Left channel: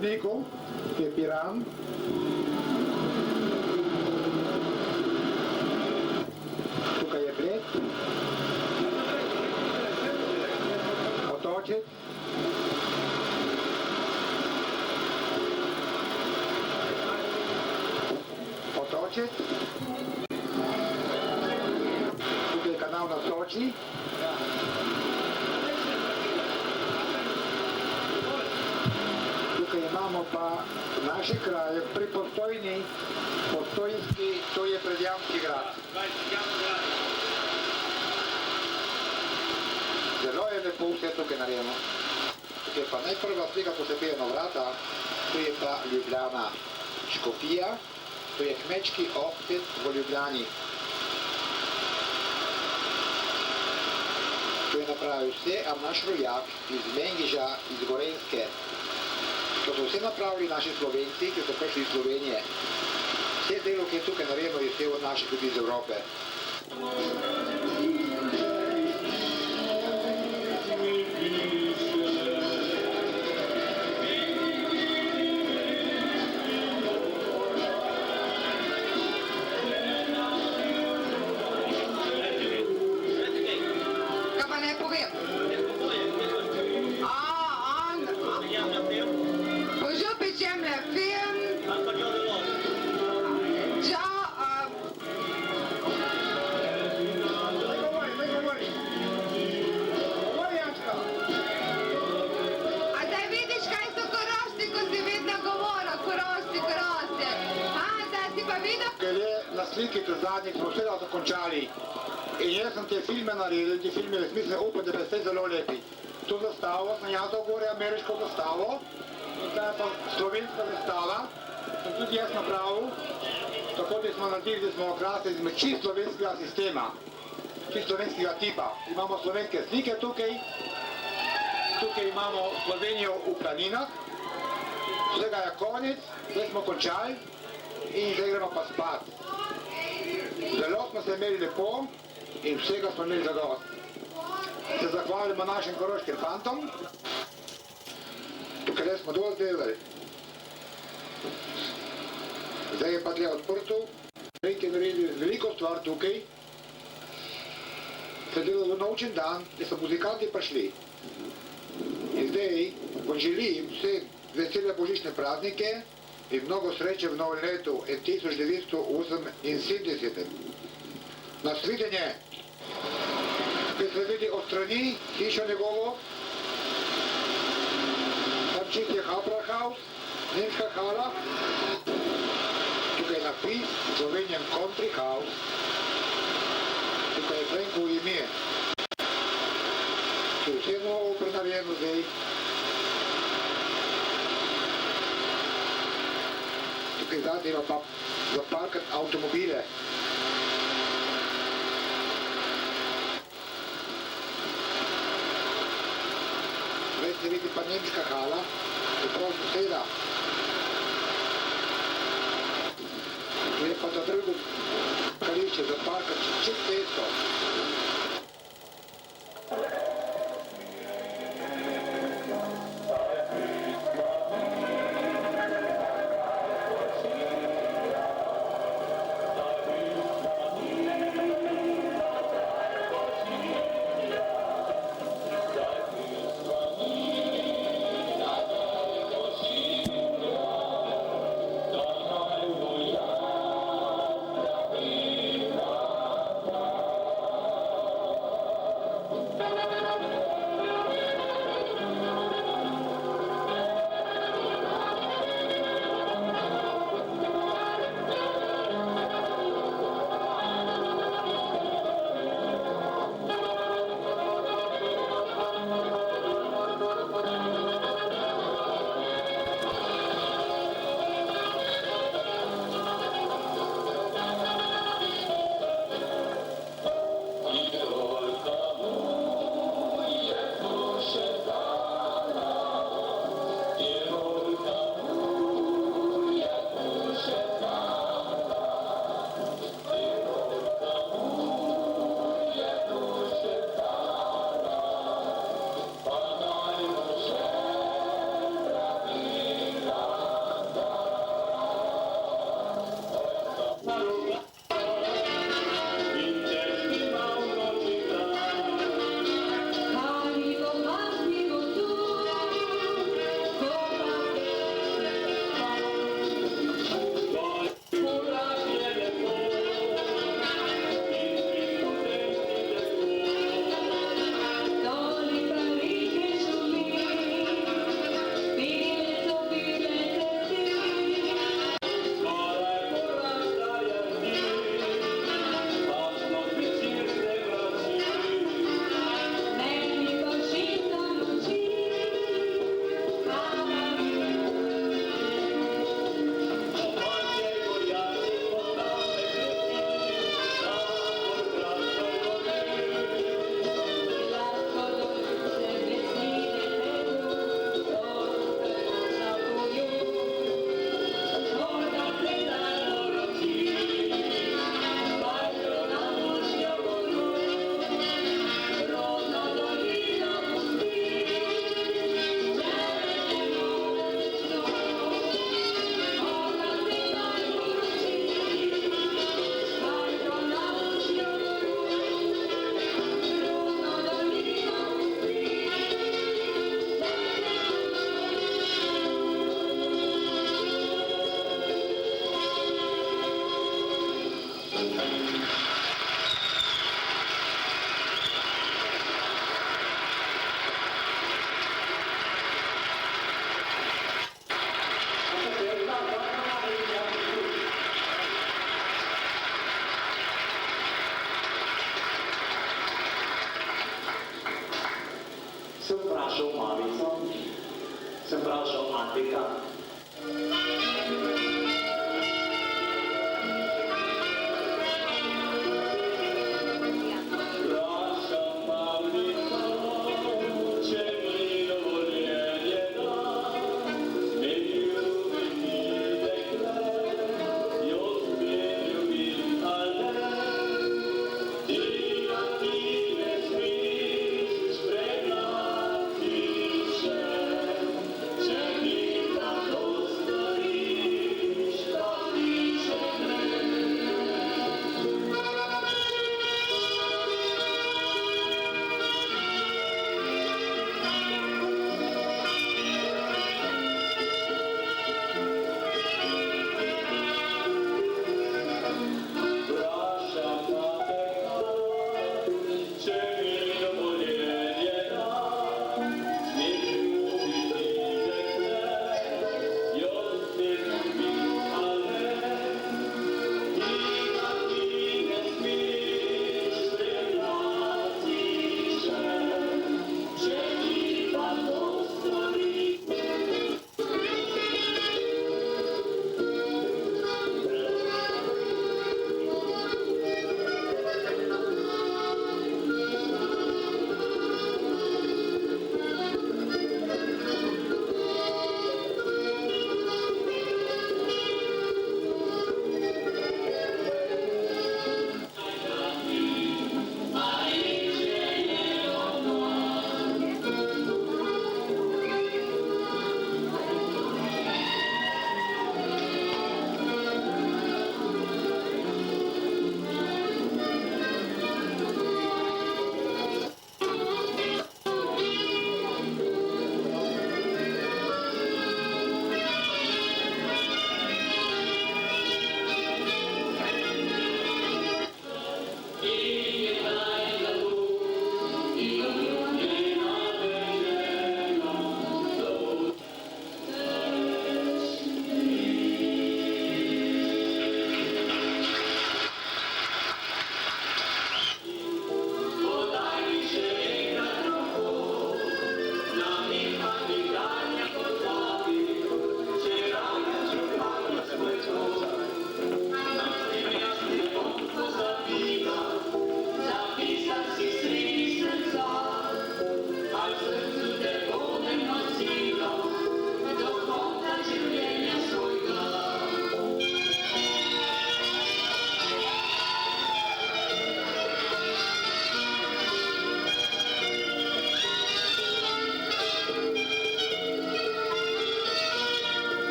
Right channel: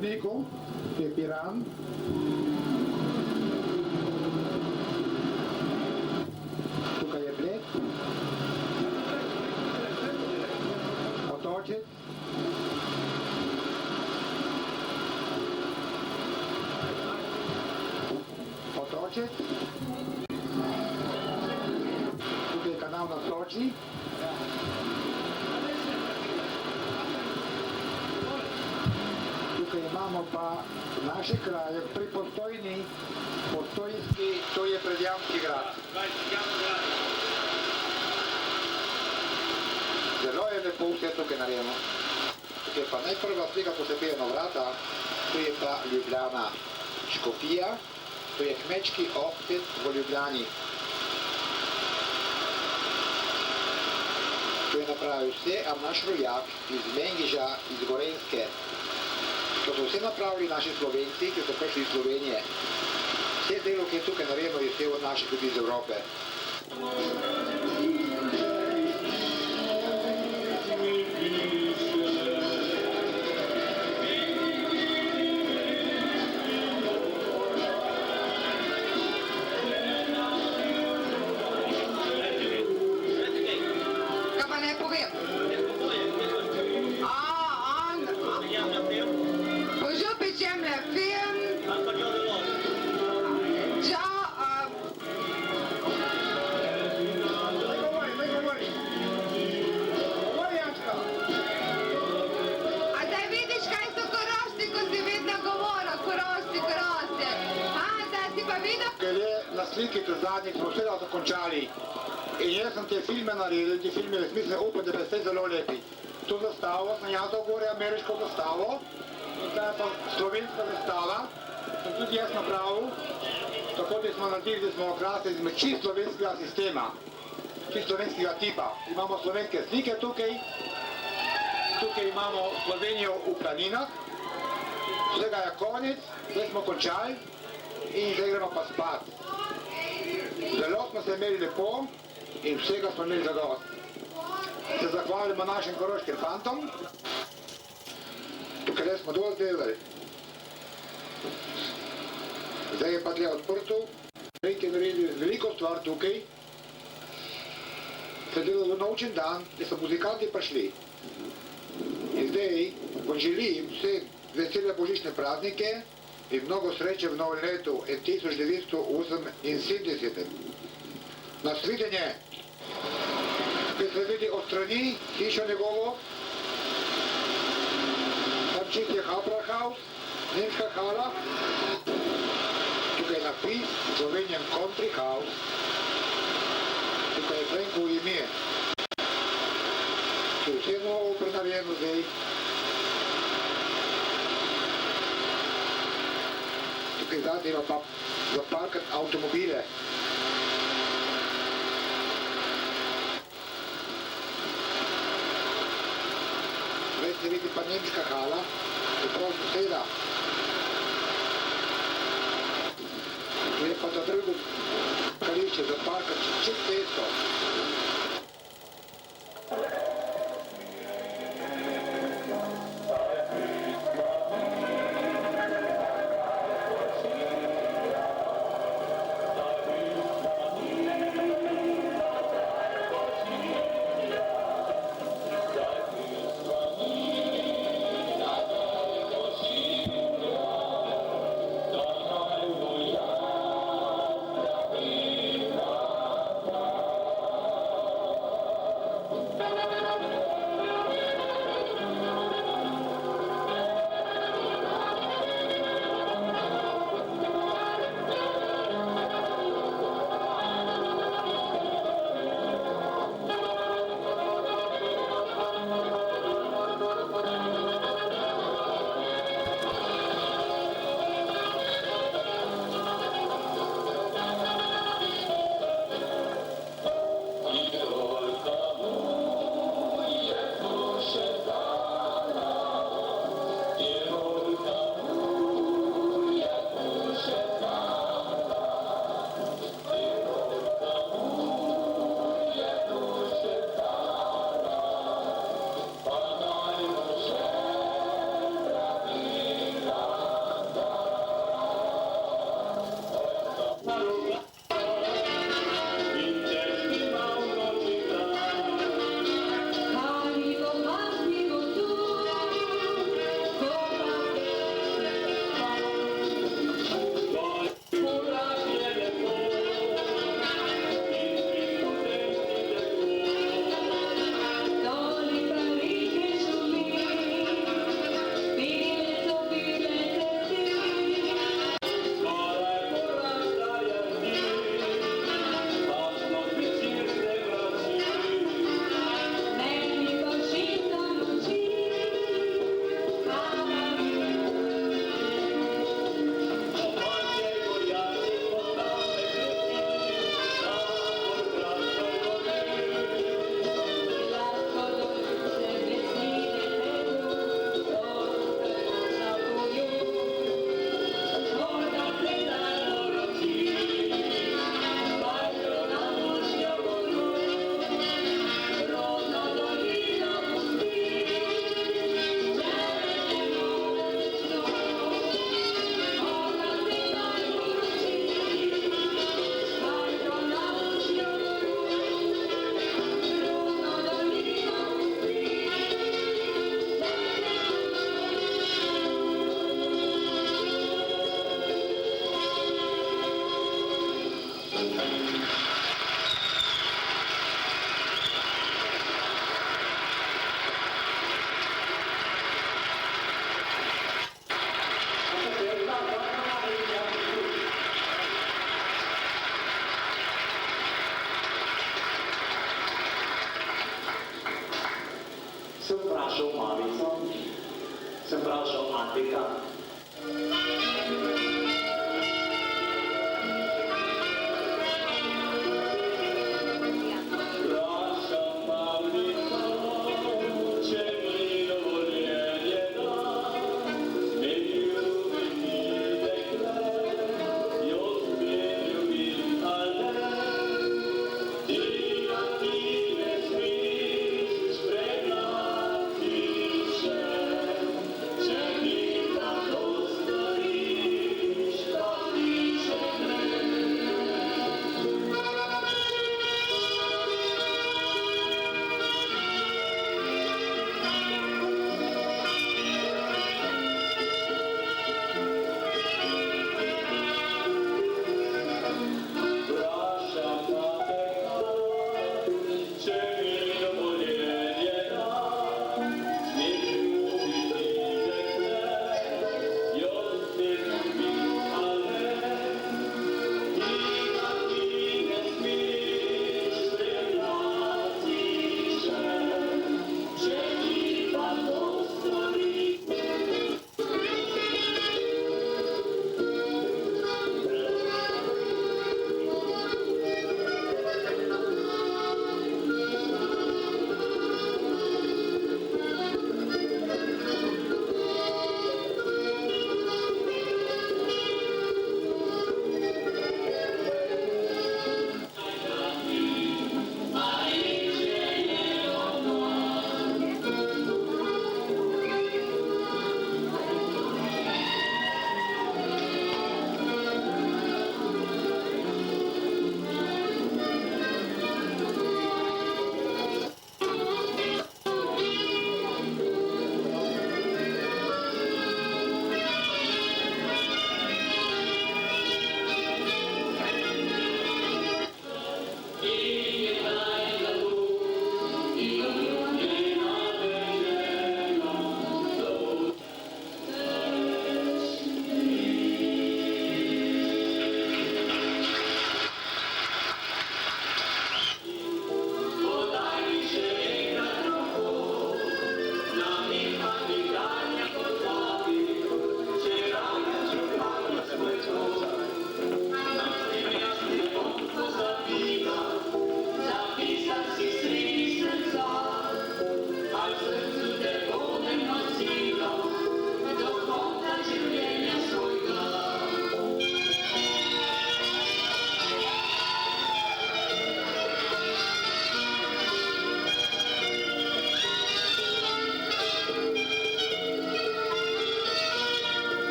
hodniku je Piran. Tukaj je Bled. Otočec. Otočec. Tukaj je kanal na Soči. Tukaj imamo pa v naših krajih pri Postojnski, to je Predjamski grad. Zelo je lepo vse tukaj narejeno. Tukaj pa najprva slika posebej na vrata, to je pa Ljubljana Škofija, to je kmečki ohcet v Ljubljani. To je napravil vse, a naš rojak iz Mengiža, iz Gorenjske. To so vse napravili naši Slovenci, ki so prišli iz Slovenije. Vse delo, ki je tukaj narejeno, je vse od naših ljudi iz Evrope. Kaj pa ne povem? Na sliki do zadnjih smo vse dokončali in jaz sem te filme naredil, te filme v smislu upam, da bi vse zelo lepi. To zastavo sem jaz gore, ameriško zastavo, zdaj je pa slovenska zastava, sem tudi jaz napravil, tako da smo naredili, da smo okrasili čisto slovenskega sistema, čisto slovenskega tipa. Imamo slovenske slike tukaj, tukaj imamo Slovenijo v planinah, vsega je konec, zdaj smo končali in zdaj gremo pa spat. Zelo smo se imeli lepo in vsega smo imeli zadost. Se zahvalimo našim koroškim fantom, tukaj smo dovolj delali. Zdaj je pa tle odprto, nekaj naredili veliko stvar tukaj. Se delalo v novčen dan, da so muzikanti prišli. In zdaj vam želim vse vesele božične praznike in mnogo sreče v novem letu 1978. Nasvidenje, ki se vidi od strani hišo njegovo, tam čist je Haupthaus, nemška hala, tukaj je napis Slovenian Country House, tukaj je Frenkovo ime. To je vse novo prenarejeno zdaj. Tukaj zadnji ima pa zaparkati avtomobile. Zdaj se vidi pa nemška hala, je prav soseda. Tu je pa za drugo kališče zaparkati čez cesto. Sem vprašal mamico, sem vprašal Atika. Thank you.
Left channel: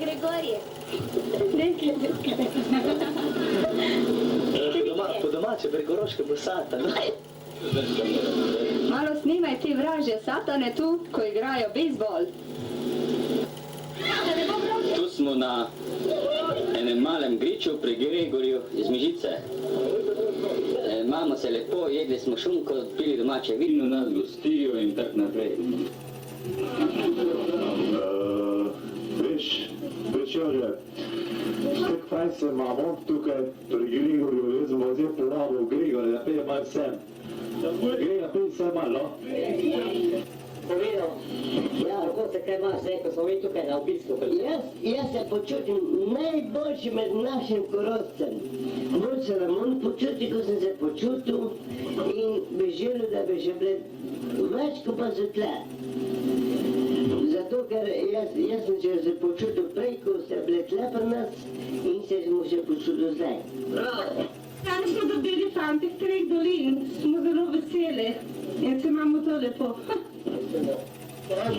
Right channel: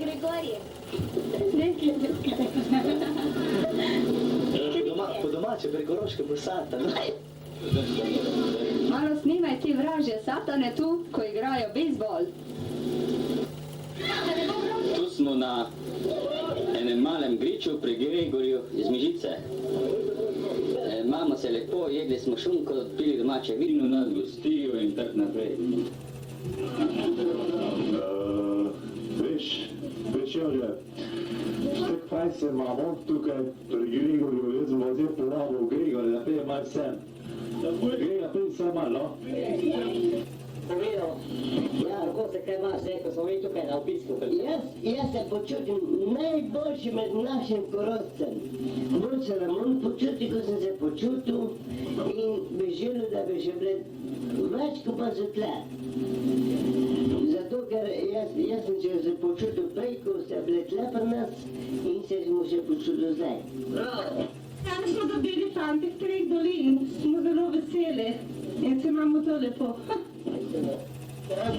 Gregorije. Po domače, prekoroške posata. Malo snimaj te vražje satane tu, ko igrajo bejzbol. Tu smo na enem malem griču pri Gregorju iz Mežice. Imamo se lepo, jedli smo šunko, pili domače vino, nas gostijo in tako naprej. Veš, Jože, tako fajn se imamo tukaj pri Gregorju, jaz sem zdaj povabil Gregorja, da peje malo sem. Gregor, pej sem malo. Povedal, ja, kako se kaj imaš, ko smo mi tukaj na obisku. Jaz se počutim najboljši med našim Korošcem. Bolj se nam on počuti, ko sem se počutil in bi želel, da bi že bile več, ko pa so tle. Zato, ker jaz sem se počutil prej, ko ste bile tle pri nas in se smo še počutil zdaj. Bravo! Danes smo dobili fantih 3 dolin, smo zelo veseli in se imamo to lepo.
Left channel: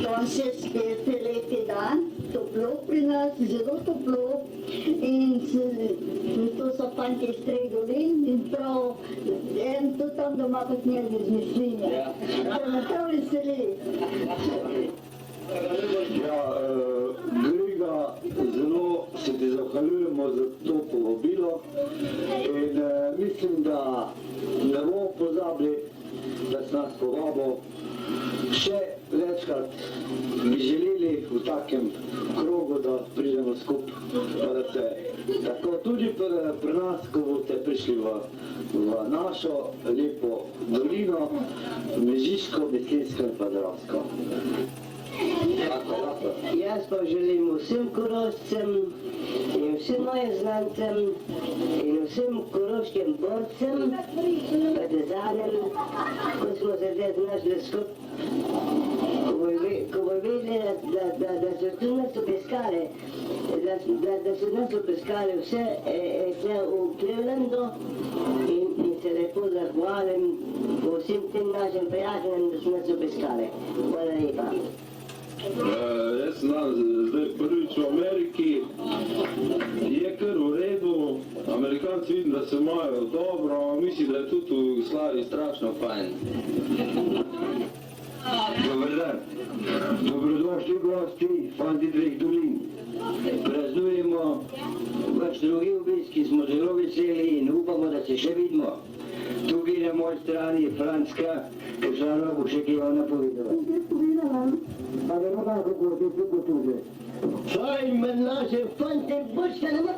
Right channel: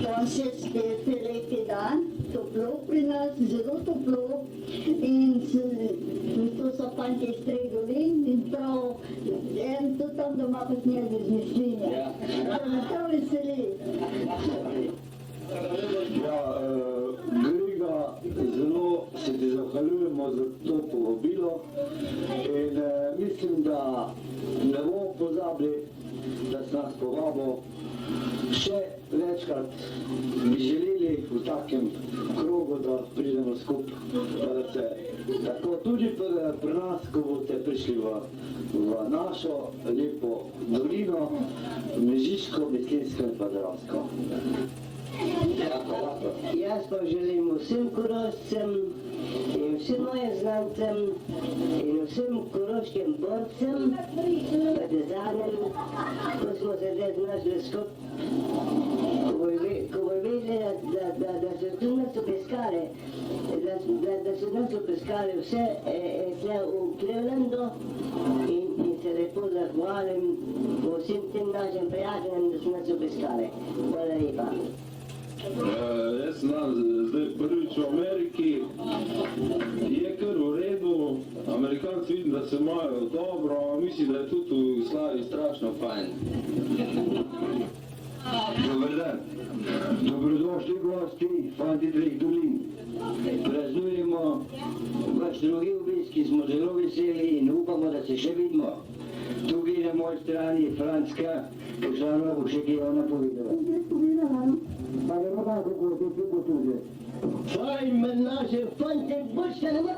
Danes je spet lepi dan, toplo pri nas, zelo toplo in to so fanti iz 3 dolin in prav, en tudi tam doma kot njega izmišljenja. To me prav veseli. Ja, Grega, zelo se ti zahvaljujemo za to povabilo in mislim, da ne bomo pozabili, da si nas povabil. Še večkrat bi želeli v takem krogu, da pridemo skupaj, pa da se tako tudi pri nas, ko boste prišli v našo lepo dolino, Mežiško, Mislinjsko in pa Dravsko. Jaz pa želim vsem Korošcem in vsem mojim znancem in vsem koroškim borcem, partizanem, ko smo se zdaj znašli skupaj, ko bo videli, da so tu nas obiskali, da so nas obiskali vse tle v Clevelandu in se lepo zahvalim vsem tem našim prijateljem, da so nas obiskali. Hvala lepa. Jaz sem zdaj prvič v Ameriki, je kar v redu, jaz vidim, da se imajo dobro, mislim, da je tudi v Jugoslaviji strašno fajn. Dobar dan. Dobrodošli gosti, fanti Treh dolin. Praznujemo vaš drugi obisk, ki smo zelo veseli in upamo, da se še vidimo. Tukaj na moji strani je Franska, Košarova bo še kaj ona povedala. Pa vemo da, kako je to tudi. Saj med naše fante bočka nema.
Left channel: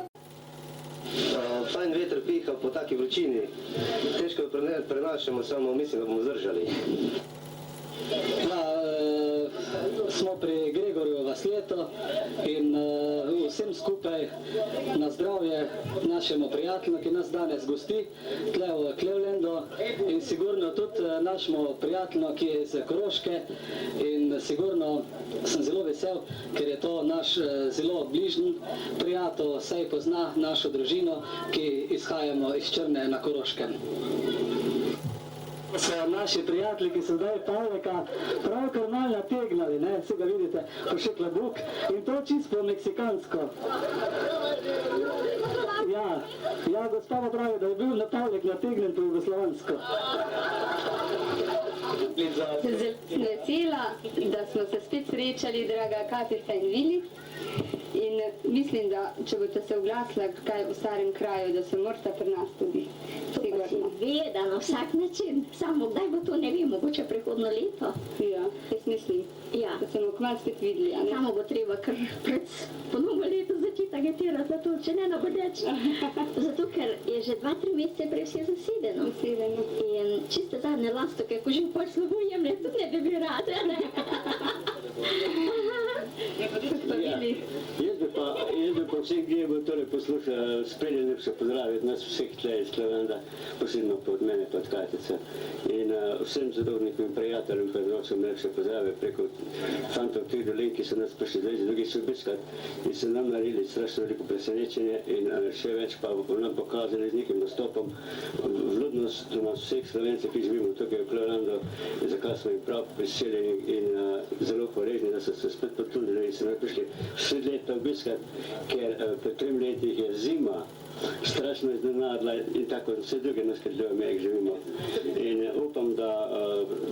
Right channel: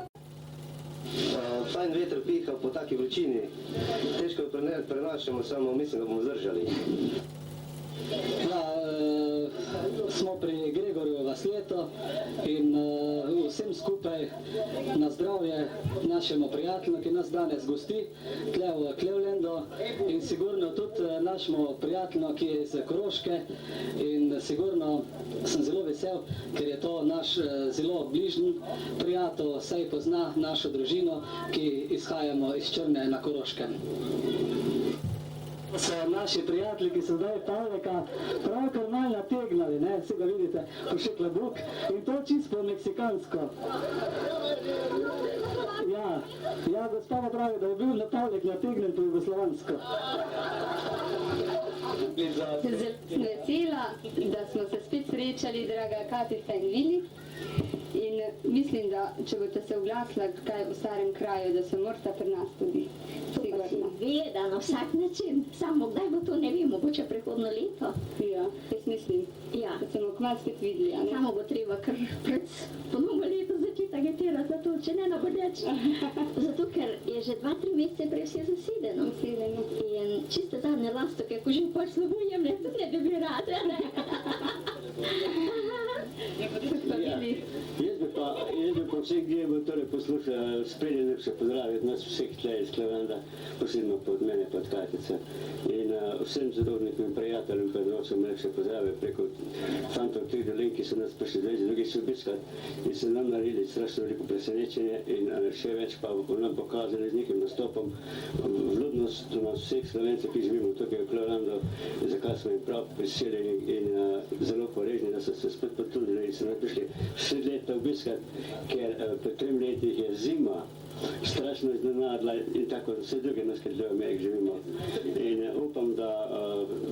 Fajn veter piha po taki vročini. Težko jo prenašamo, samo mislim, da bomo zdržali. Smo pri Gregorju Vasleto in vsem skupaj na zdravje našemu prijatelju, ki nas danes gosti tle v Clevelandu in sigurno tudi našemu prijatelju, ki je iz Koroške in sigurno sem zelo vesel, ker je to naš zelo bližnji prijatelj, saj pozna našo družino, ki izhajamo iz Črne na Koroškem. So naši prijatelji, ki so zdaj Pavleka pravkar malo nategnali, ne, vsi ga vidite, ko še klobuk in to čisto meksikansko. Ja, gospa pa pravi, da je bil na Pavlek nategnen po jugoslovansko. Sem vesela, da smo se spet srečali, draga Katica in Vili. In mislim, da če boste se oglasila kaj v starem kraju, da se morate pri nas tudi. Seveda, na vsak način. Samo kdaj bo to, ne vem, mogoče prihodno leto. Ja, jaz mislim, da se bomo kmalu spet videli. Samo bo treba kar pred ponovno leto začeti agitirati za to, če ne nabodeč. Zato, ker je že 2-3 mesece prej vse zasedeno. In čiste zadnje lastoke, ko že pol slovo jemlje, tudi ne bi bili rade, ne? Jaz bi pa vseh, ki bo torej poslušal, spredje najlepše pozdraviti nas vseh tle iz Clevelanda, posebno pod mene, pod Katice. In vsem zadovoljnim prijateljem predvsem najlepše pozdrave preko fantov Treh dolin, ki so nas prišli zdaj z drugi obiskat in so nam naredili strašno veliko presenečenje in še več pa nam pokazali z nekim nastopom vljudnost do nas vseh Slovencev, ki živimo tukaj v Clevelandu, zakaj smo jim prav priseljeni in zelo hvaležni, da so se spet potrudili in so nam prišli vse leta obiskat, ker pred 3 letih je zima strašno iznenadila in tako vse druge naskrbljive meje živimo. In upam, da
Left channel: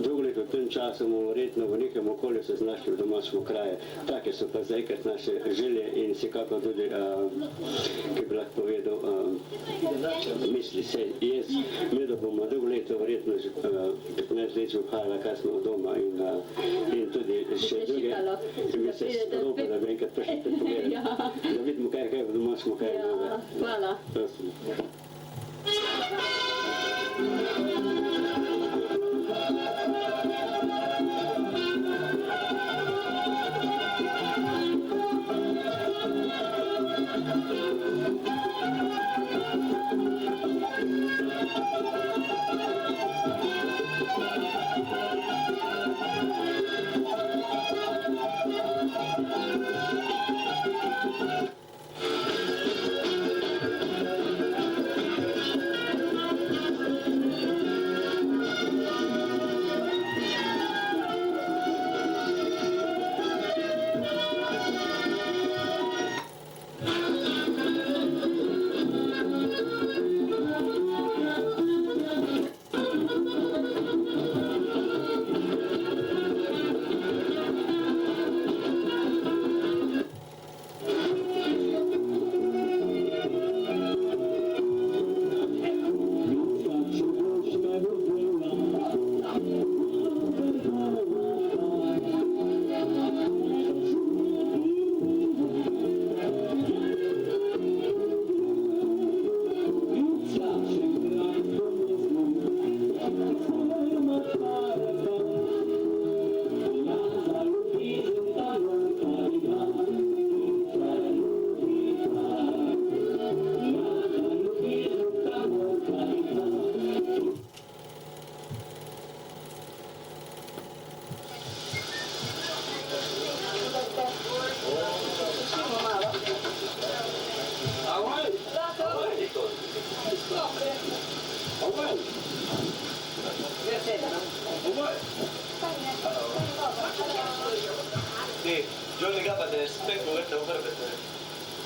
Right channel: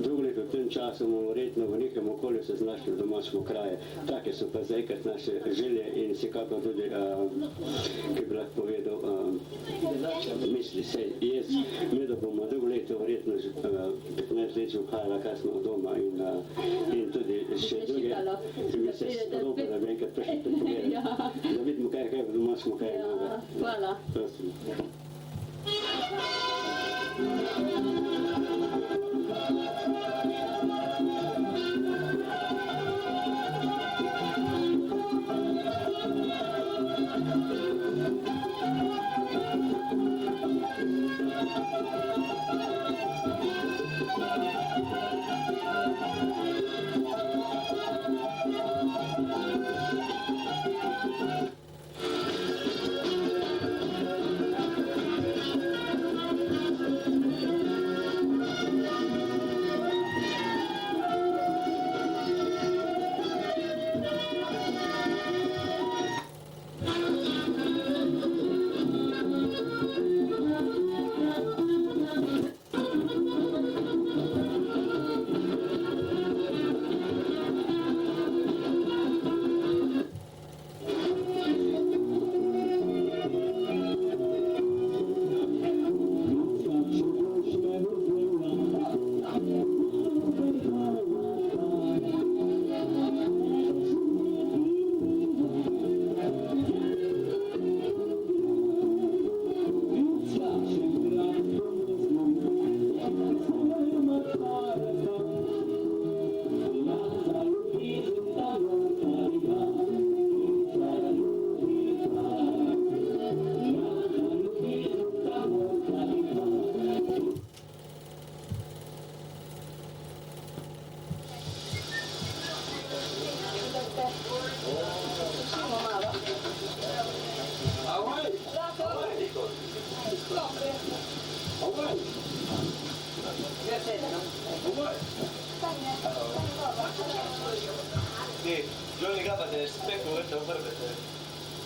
drugo leto v tem času bomo verjetno v nekem okolju se znašli v domačem kraju. Take so pa zaenkrat naše želje in vsekakor tudi, ki bi lahko povedal, misli se. Jaz, mi da bomo drugo leto verjetno 15 let že vhajala, kaj smo doma in tudi še druge. In mi se spodobno, da bi enkrat prišli pogledati, da vidimo, kaj je v domačem kraju. Hvala. Prosim.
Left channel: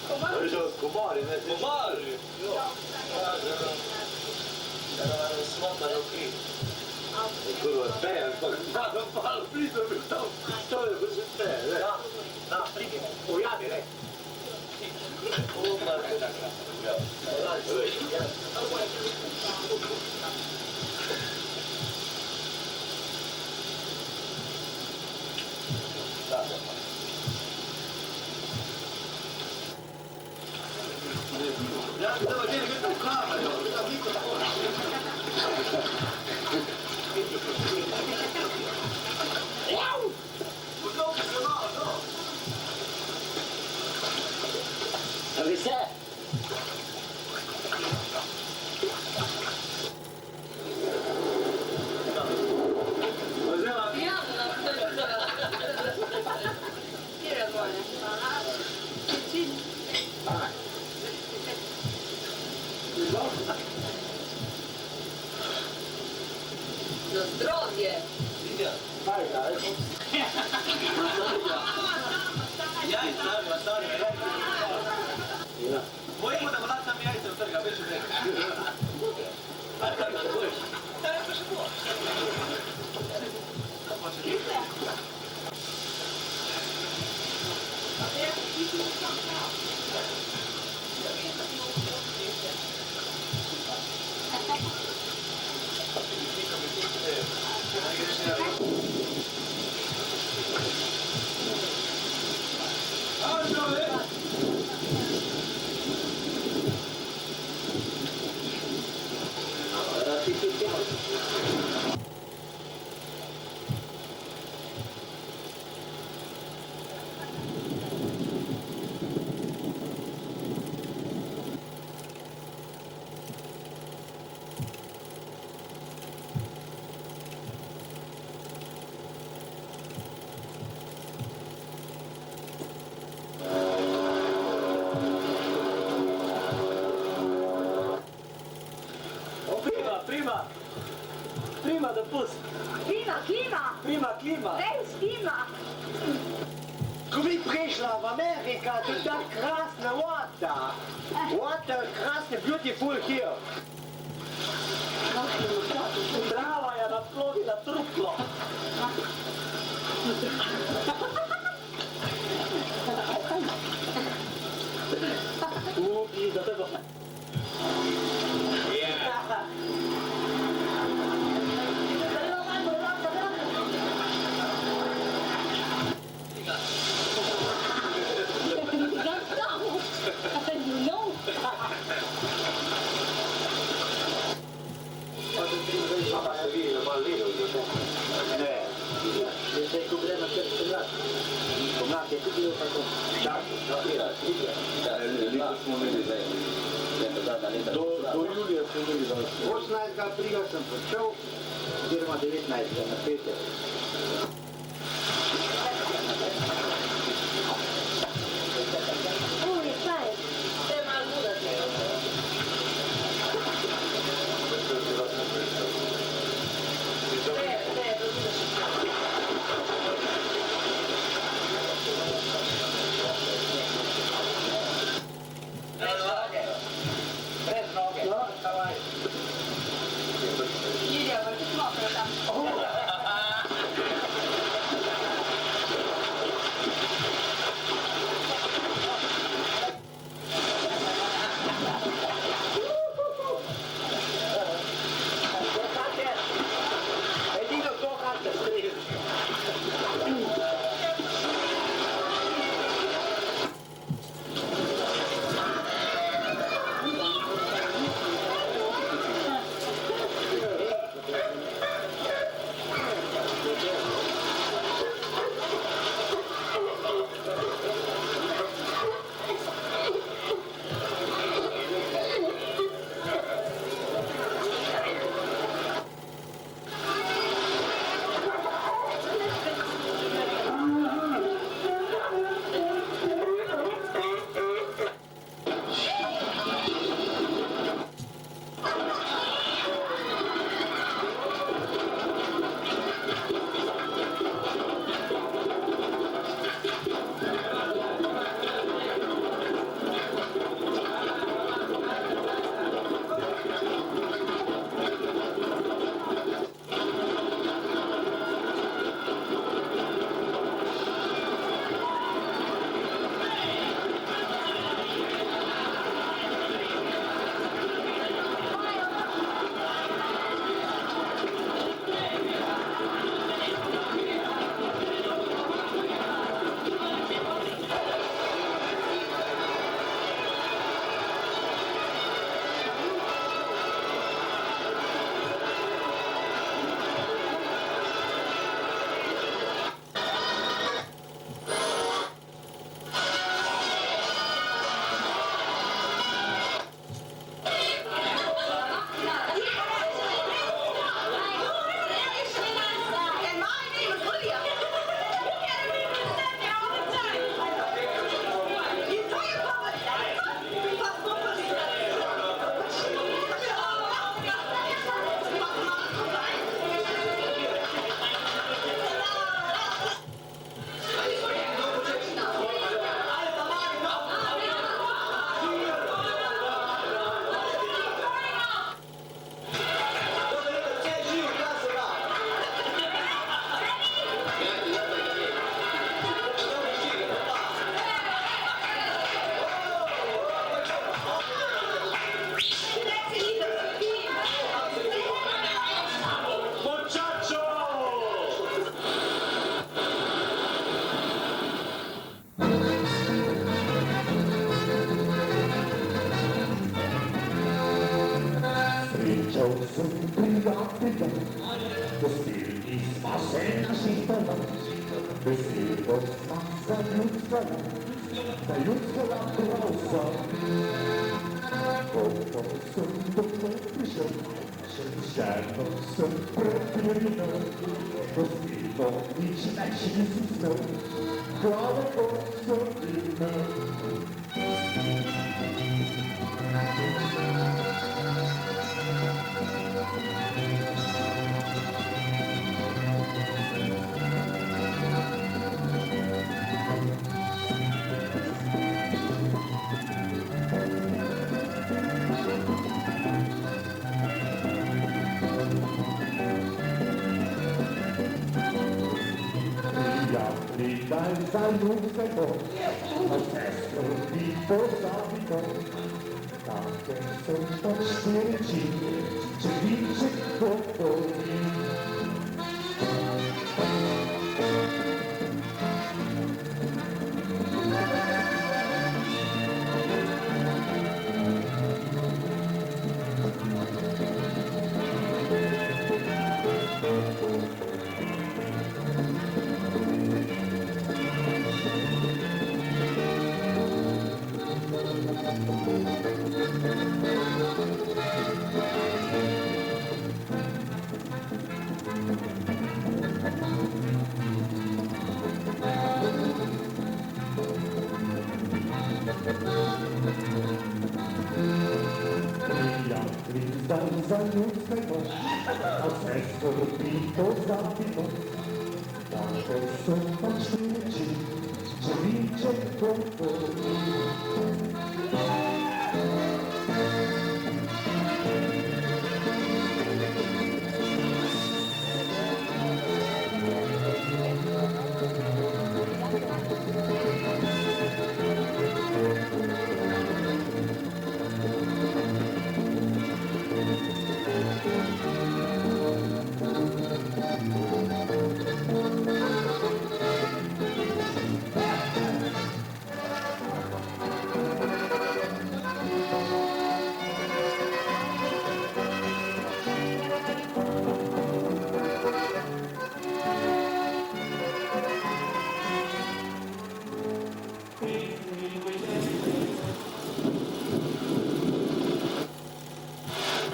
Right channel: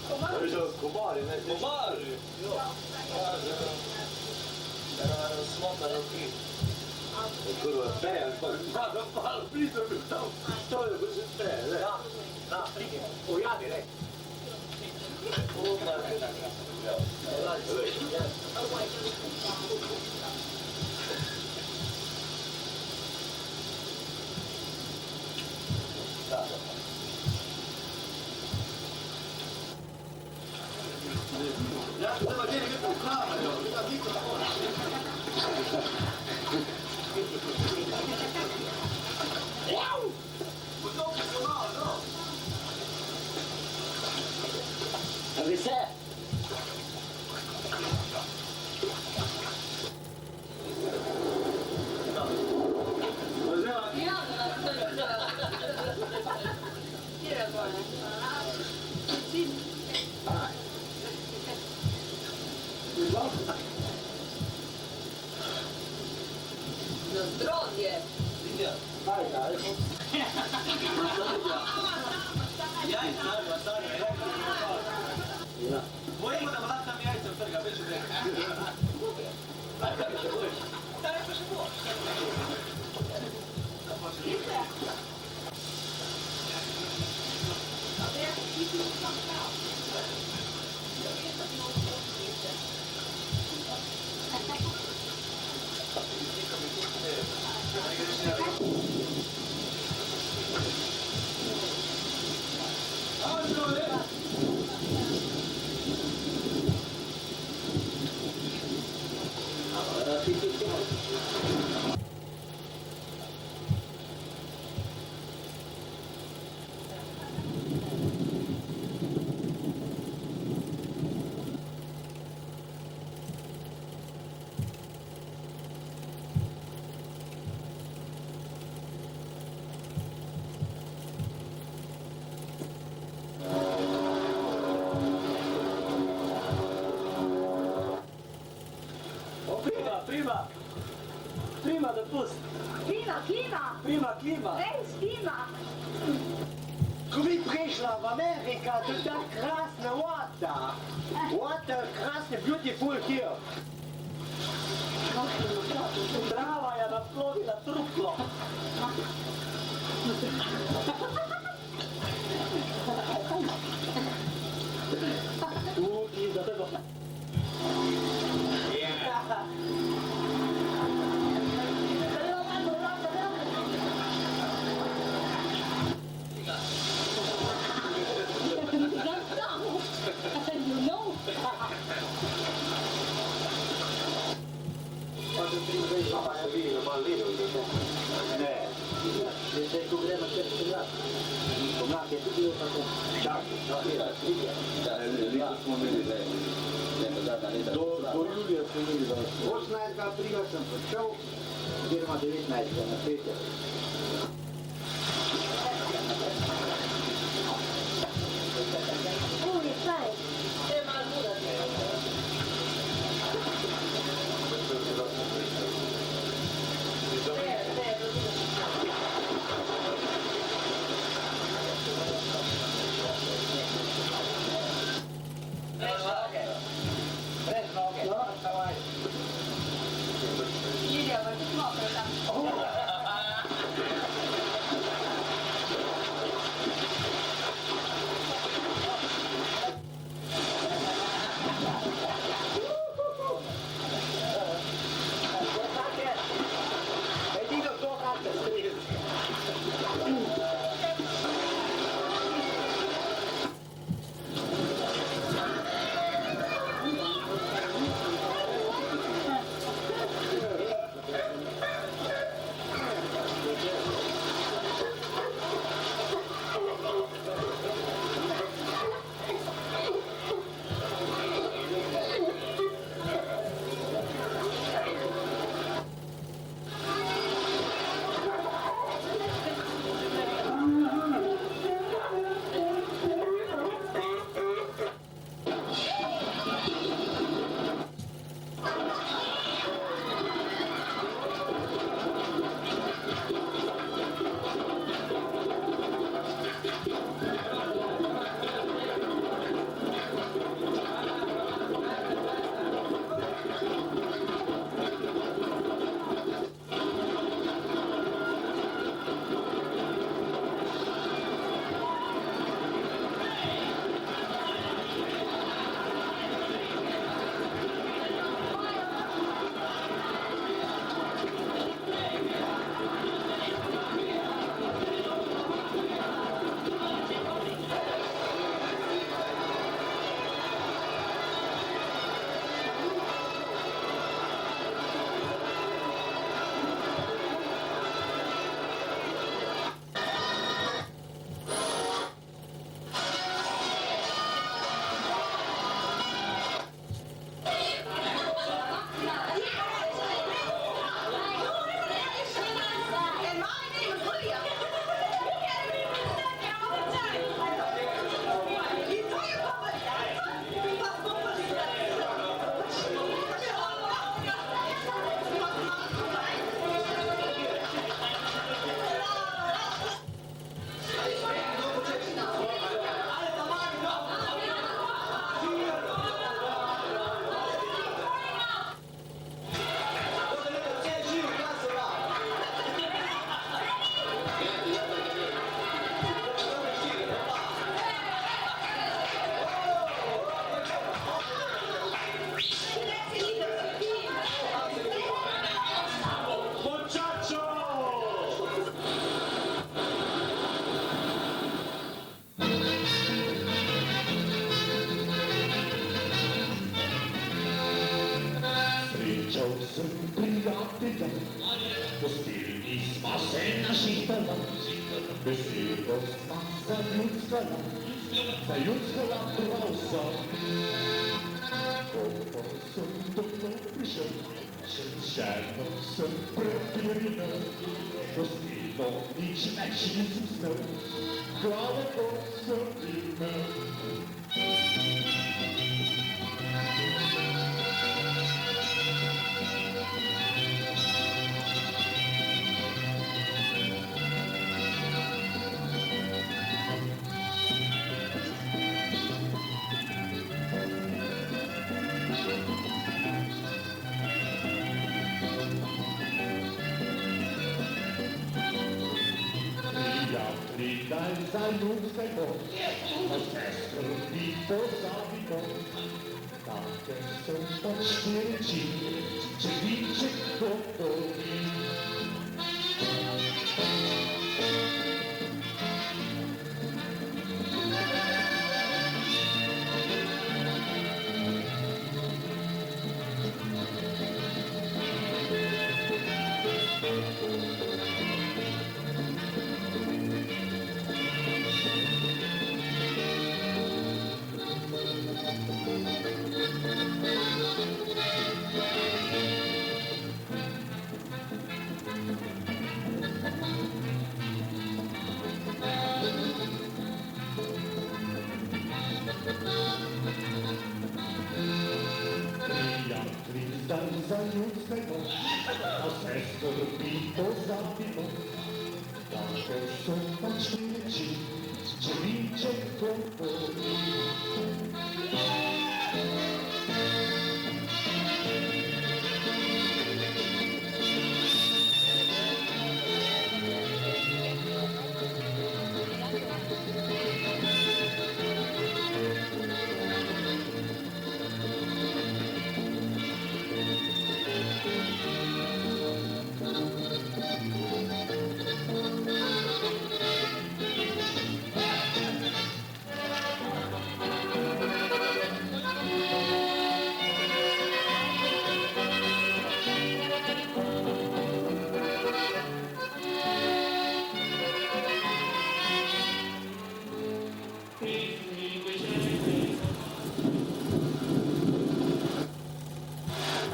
Držal s komari, ne? Komari? Jo. Era smotna roki. Kurva, peja, pa blizu bil tam. To je bil že peja, ne? Da, pridi, ujavi, ne? Vse. Na zdravje. Bojimo, da bo tak tam jajce vtrga, veš, že kaj še bojiš? Daj, pa še bo. Prima, da pusti. Prima. Res klima. Ko bi prišla v Amerika, tu tak krasne water. Water, krasne, beautiful here. Trava je naplovila truplo. Uki, do tego. Do julija smo imeli 18. aprila sem prišel, oziroma 19. na petek.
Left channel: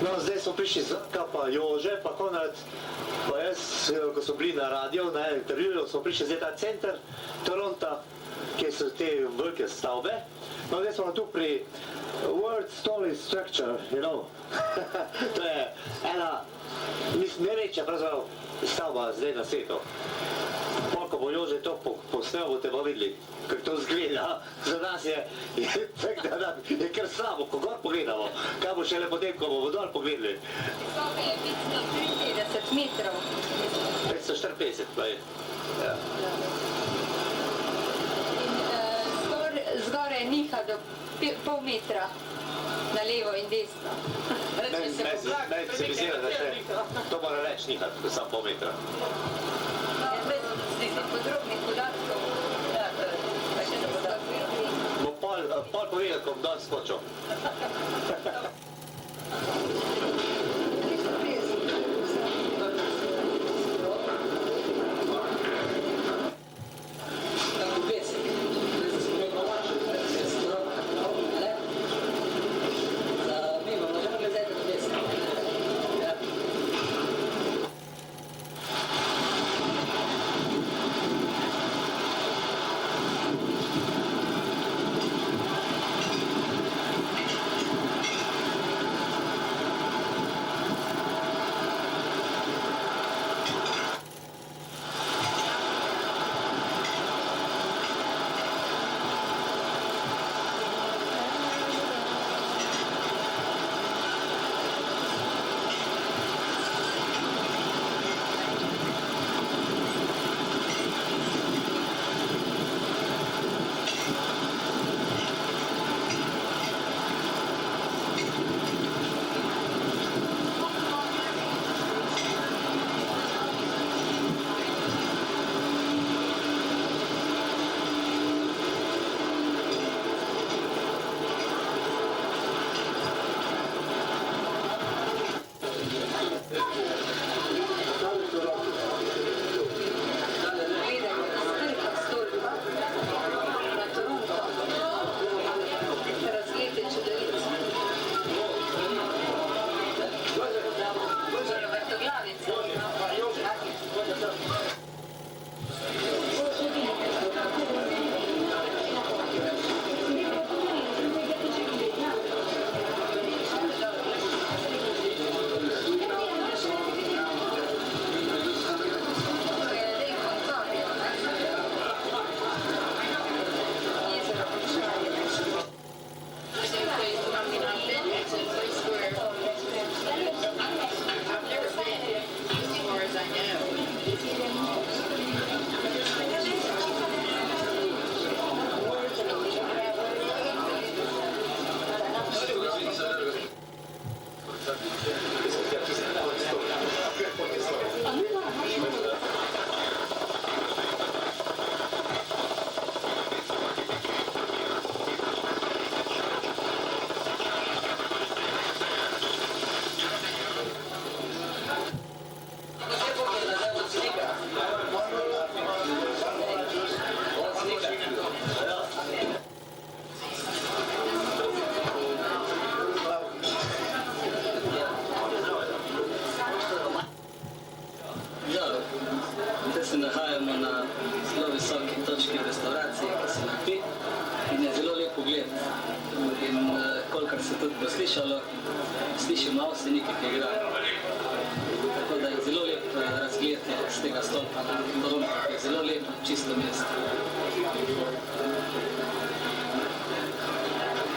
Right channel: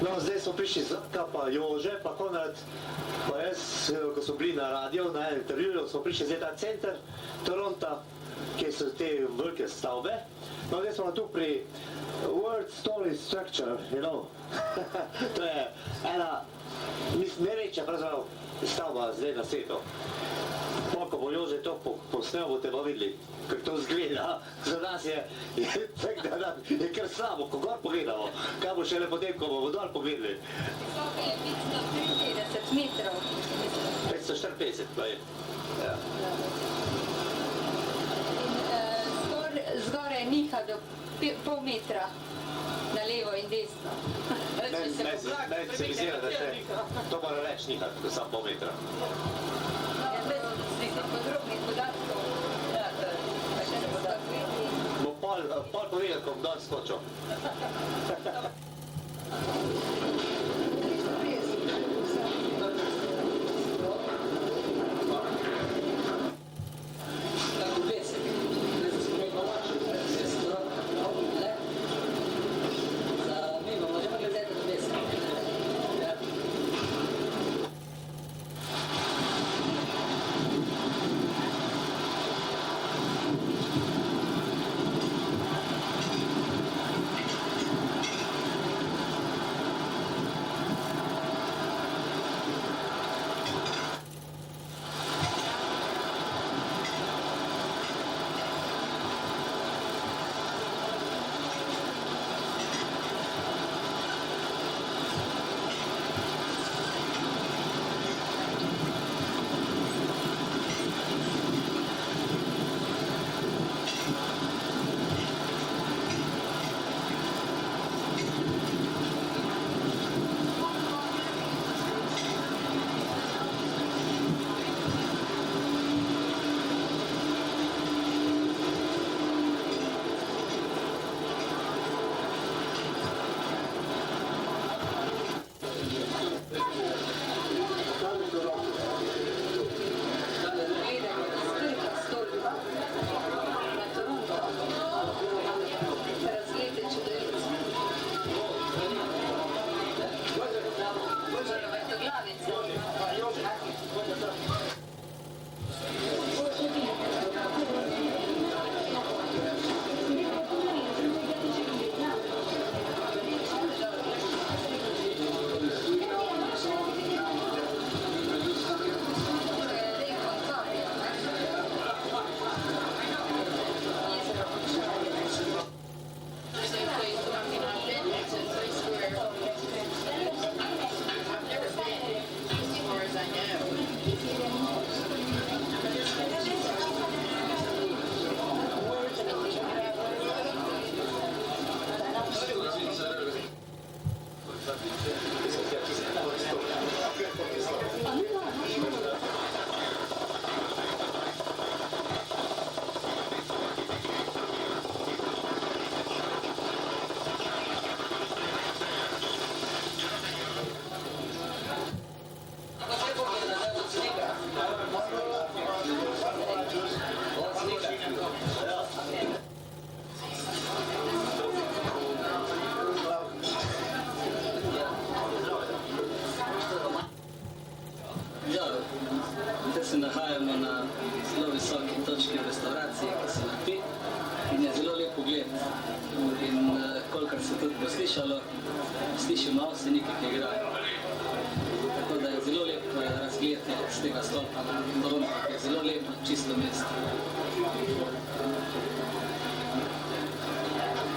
No, zdaj smo prišli Zrka, pa Jože, pa Konrad, pa jaz, ko smo bili na radio, na intervjuju, smo prišli zdaj ta center Toronta, kjer so te velike stavbe. No, zdaj smo tu pri World's Tallest Structure, you know. To je ena, mislim, največja pravzaprav stavba zdaj na svetu. Ko bo Jože to posnel, boste pa videli, kako to izgleda. Za nas je kar slabo, ko gor pogledamo. Kaj bo šele potem, ko bomo dol pogledali? Visoka je 553 metrov. 554, pa je. Ja. Zgoraj niha do pol metra na levo in desno. Meni se mi zdi, da še to mora več nihati, kot samo pol metra. Podrobnih podatkov. Pa še ne podatkov. Bo pol povedal, ko bom dol skočil. se tudi poslišalo, slišimo avsenike, ki igrajo. Tako da je zelo lep razgled z tega stolpa na Borovniku, je zelo lepo, čisto mesto.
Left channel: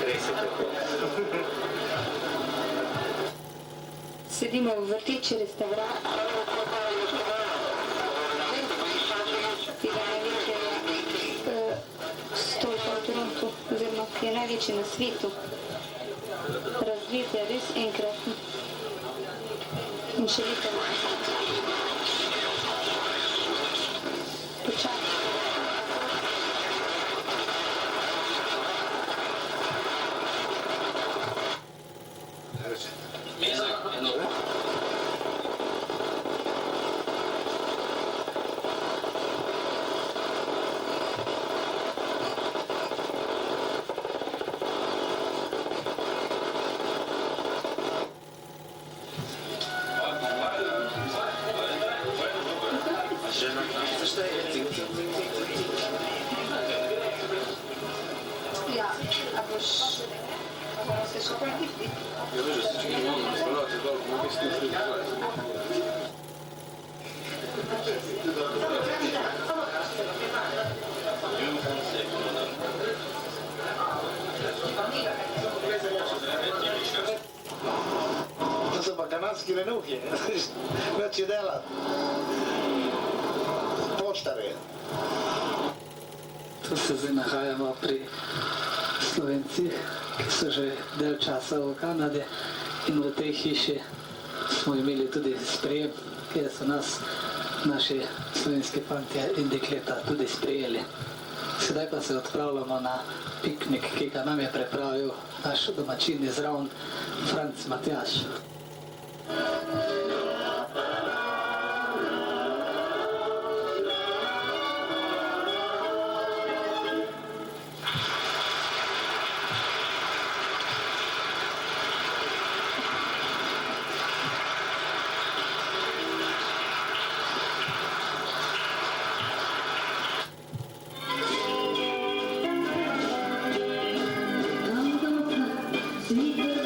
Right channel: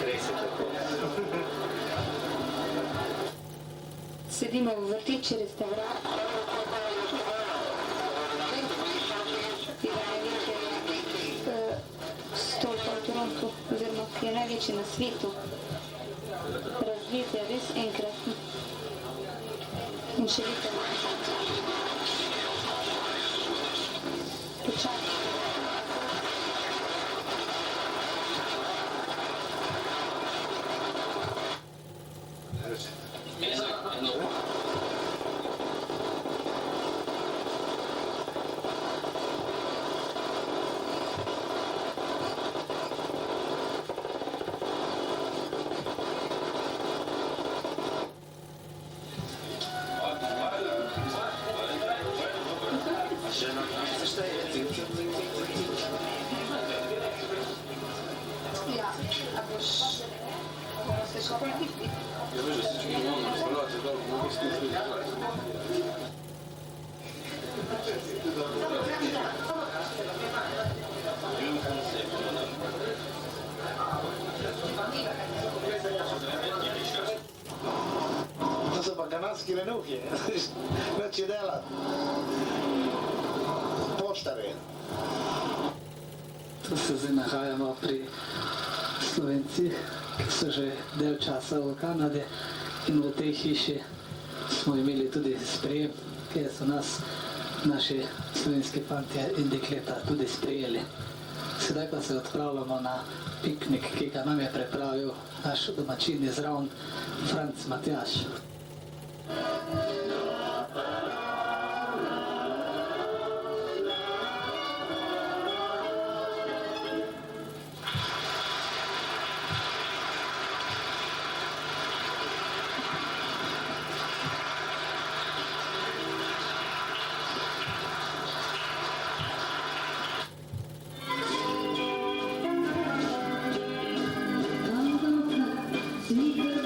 Res je tako. Sedimo v vrtiči restauracije. Tega največjega stolpa v Torontu, oziroma ki je največji na svetu. Razgled je res enkratni. In še lepo. Počakaj. Ja, a boš se še pojaviti? Ja, veš, da se če ne mogo razpravljati, da bo mogli slušati. To so pa kanadski lenuhi, več je dela. Poštare. Tu se zdaj nahajamo pri Slovencih, ki so že del časa v Kanadi, in v tej hiši smo imeli tudi sprejem, kjer so nas naši slovenski fantje in dekleta tudi sprejeli. Sedaj pa se odpravljamo na piknik, ki ga nam je pripravil naš domačin iz Ravn, Franc Matjaž. Sweet the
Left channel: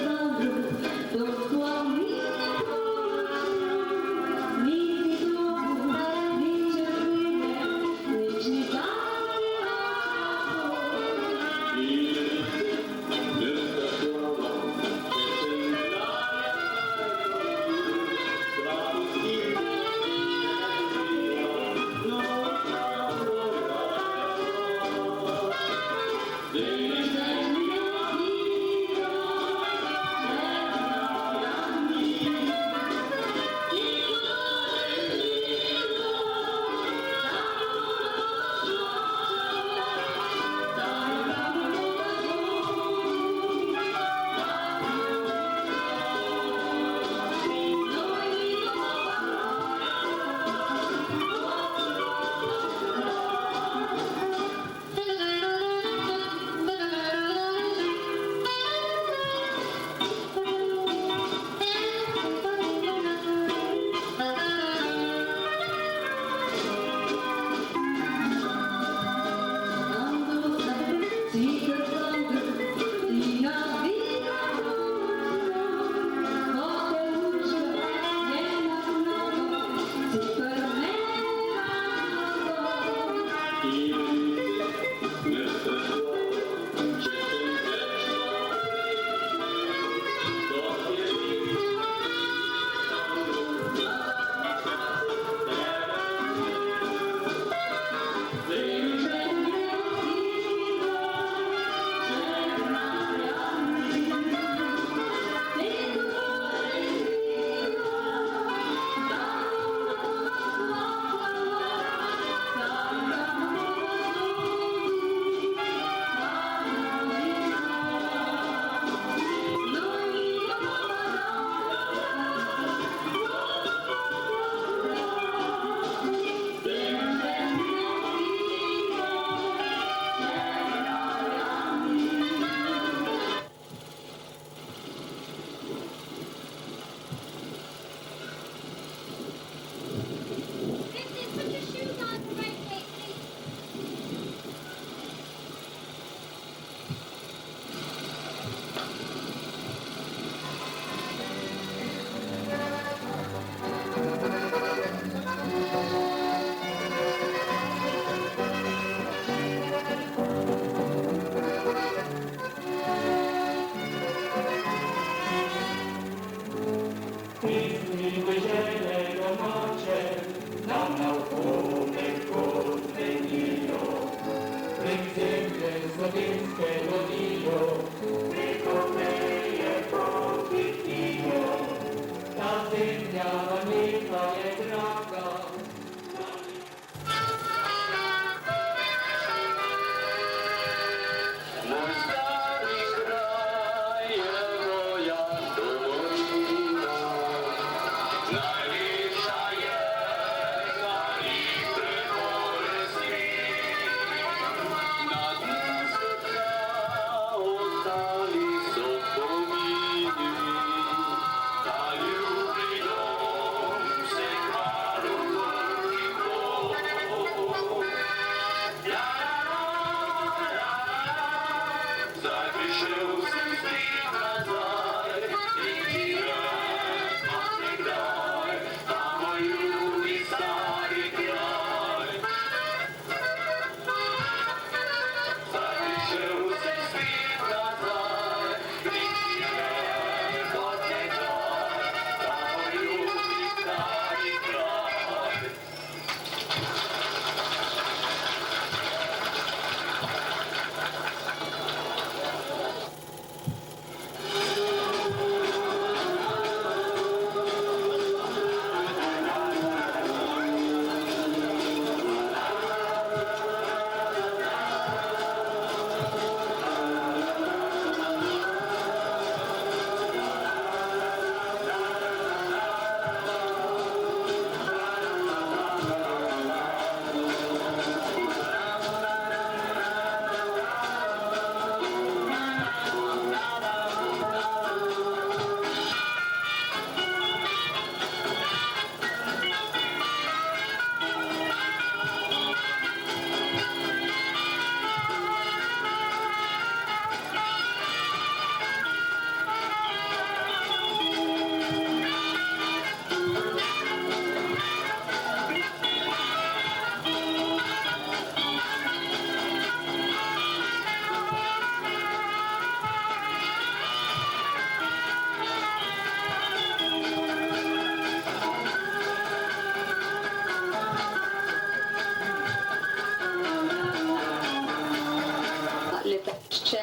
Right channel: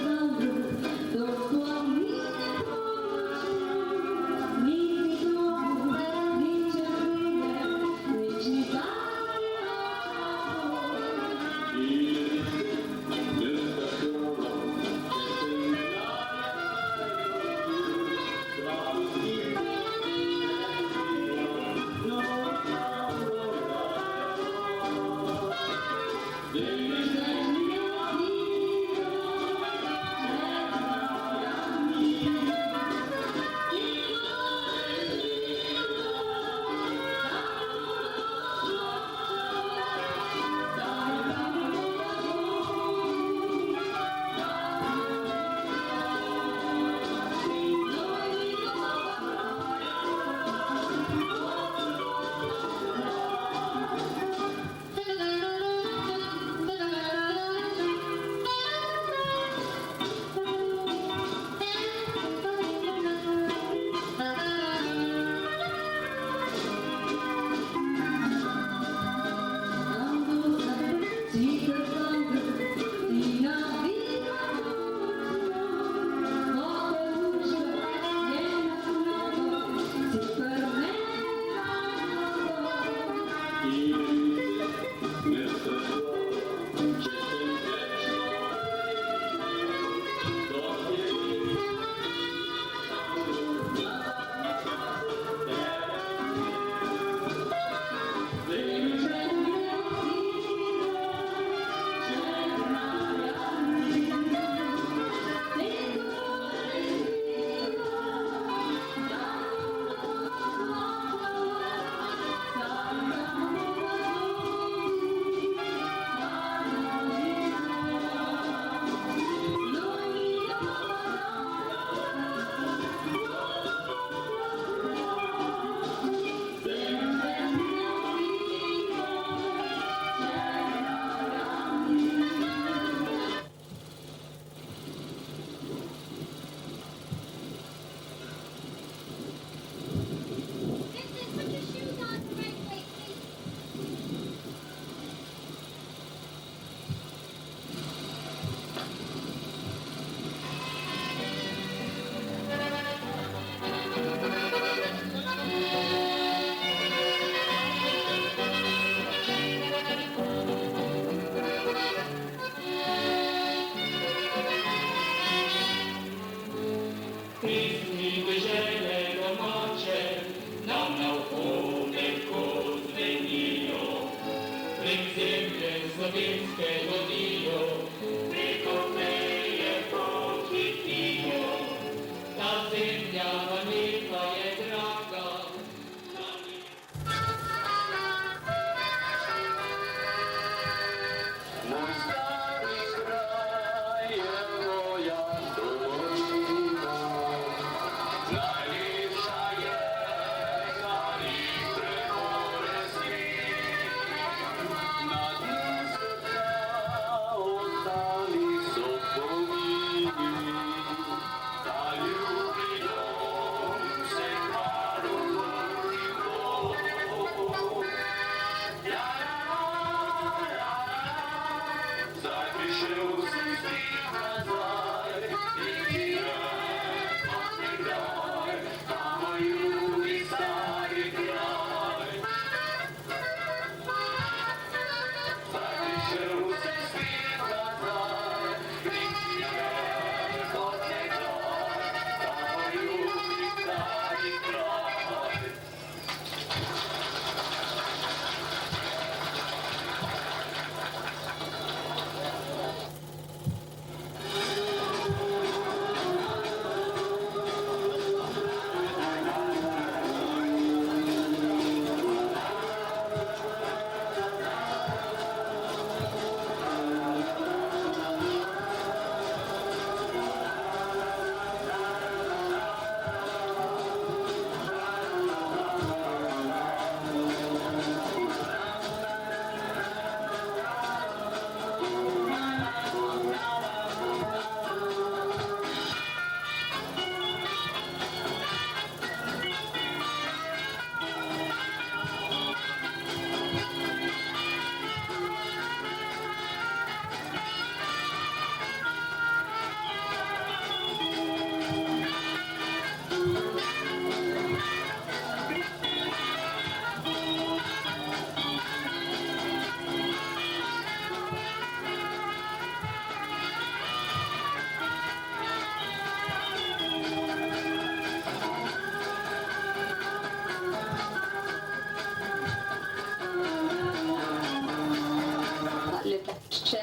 letališče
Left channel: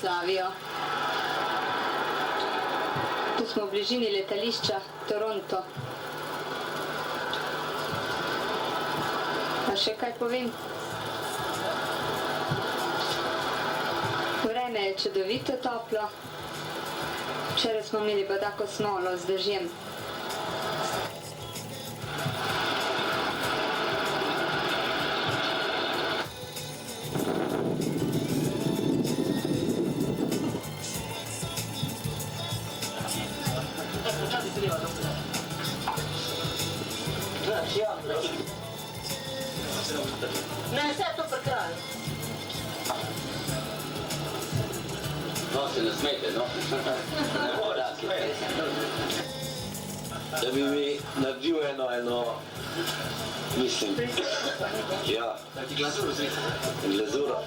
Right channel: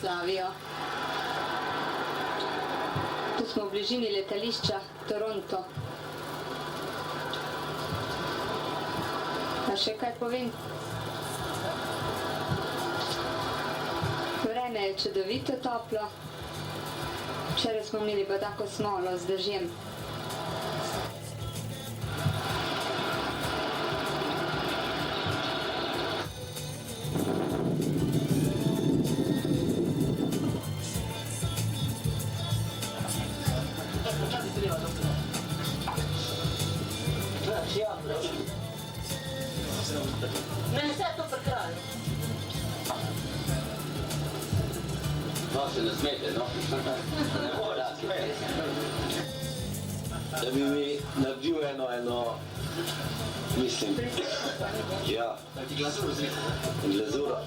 slavijo. Tu smo v bližini letališča Toronto. Pa še kaj povem? Vreme je čudovito toplo. Včeraj smo imeli pa tako smolo z dežjem. Ne, vse to pri kraju. No, se ne smete, no? Ne mora, Da bi mi naredil eno, mislim, ja, glazuro.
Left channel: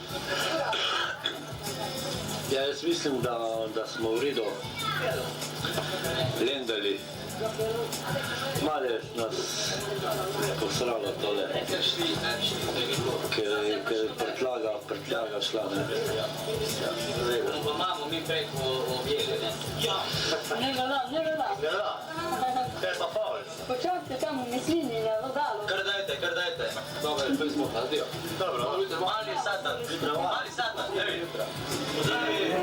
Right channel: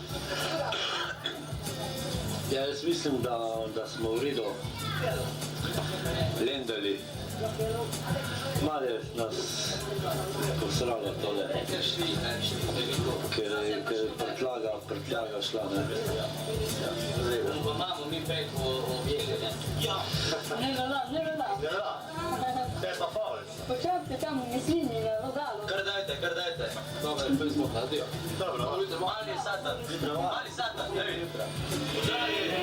Ja, jaz mislim, da smo v redu lendali. Malo je nas posralo tole, ker je prtljaga šla, ne. Pa imamo mi preko objeli, ne? Ja. Ne da. Kaj pa faul? Počakajte tam v Mislini na logalu. Kar dajte. Dobro, to smo hladil. Dobro. Mali satan, ej. Pozdravi.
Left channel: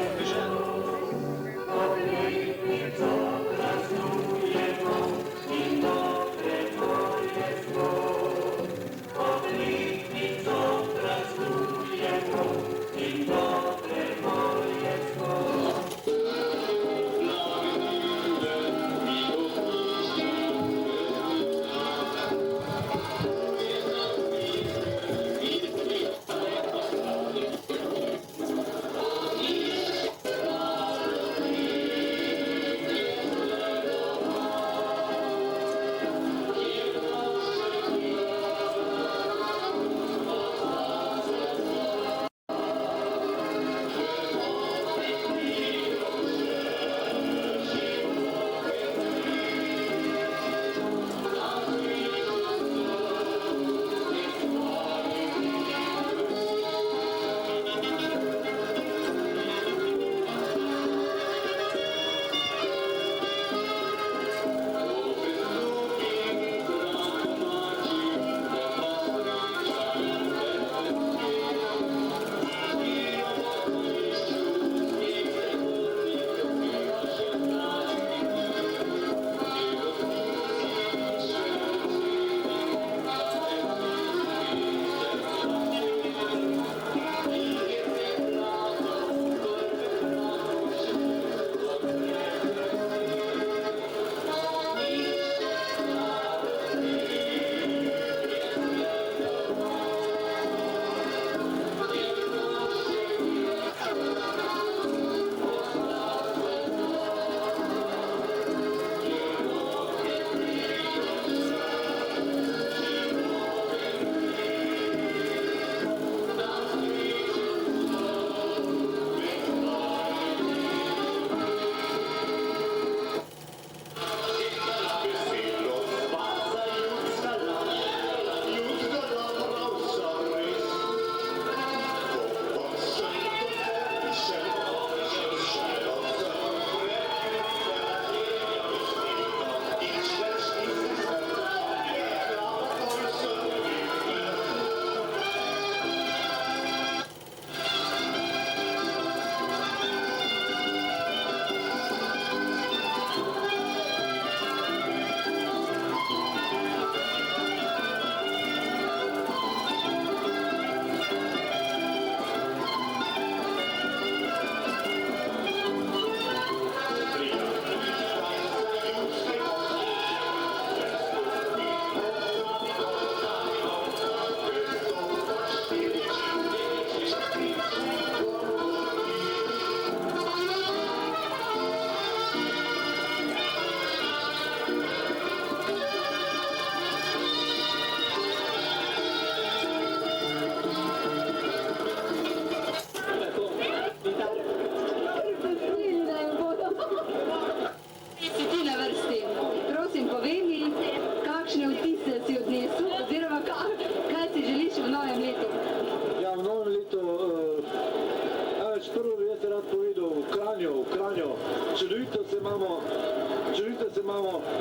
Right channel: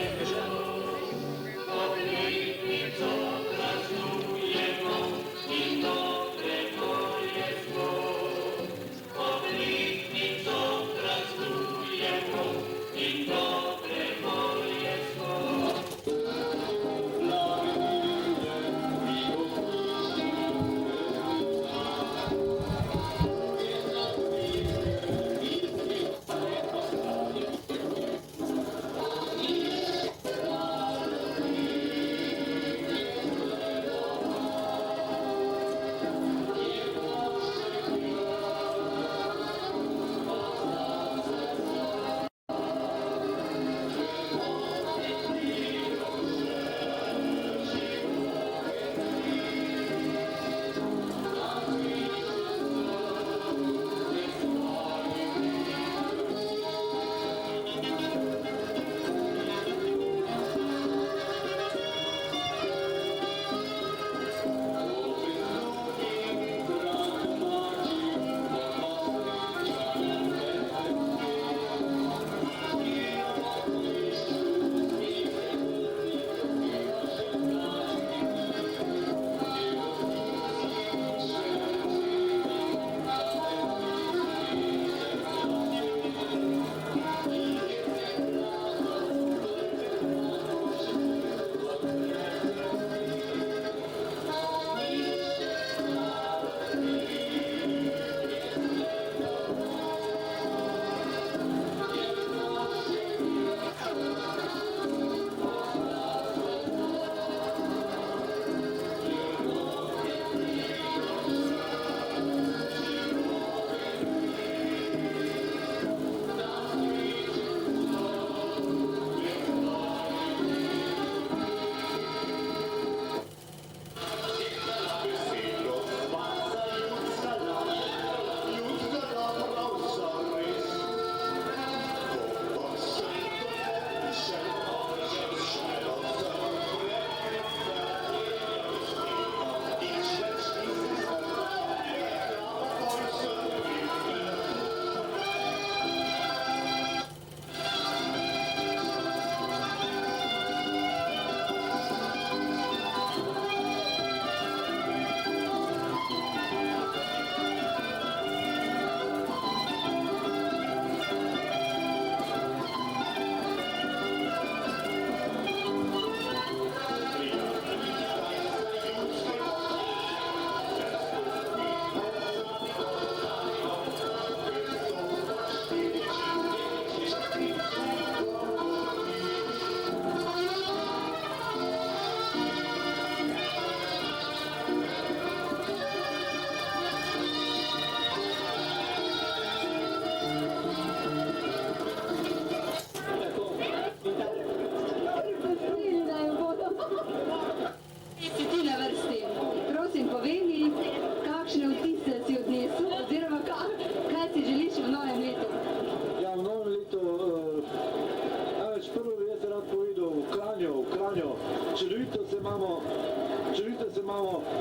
čudovito se imamo,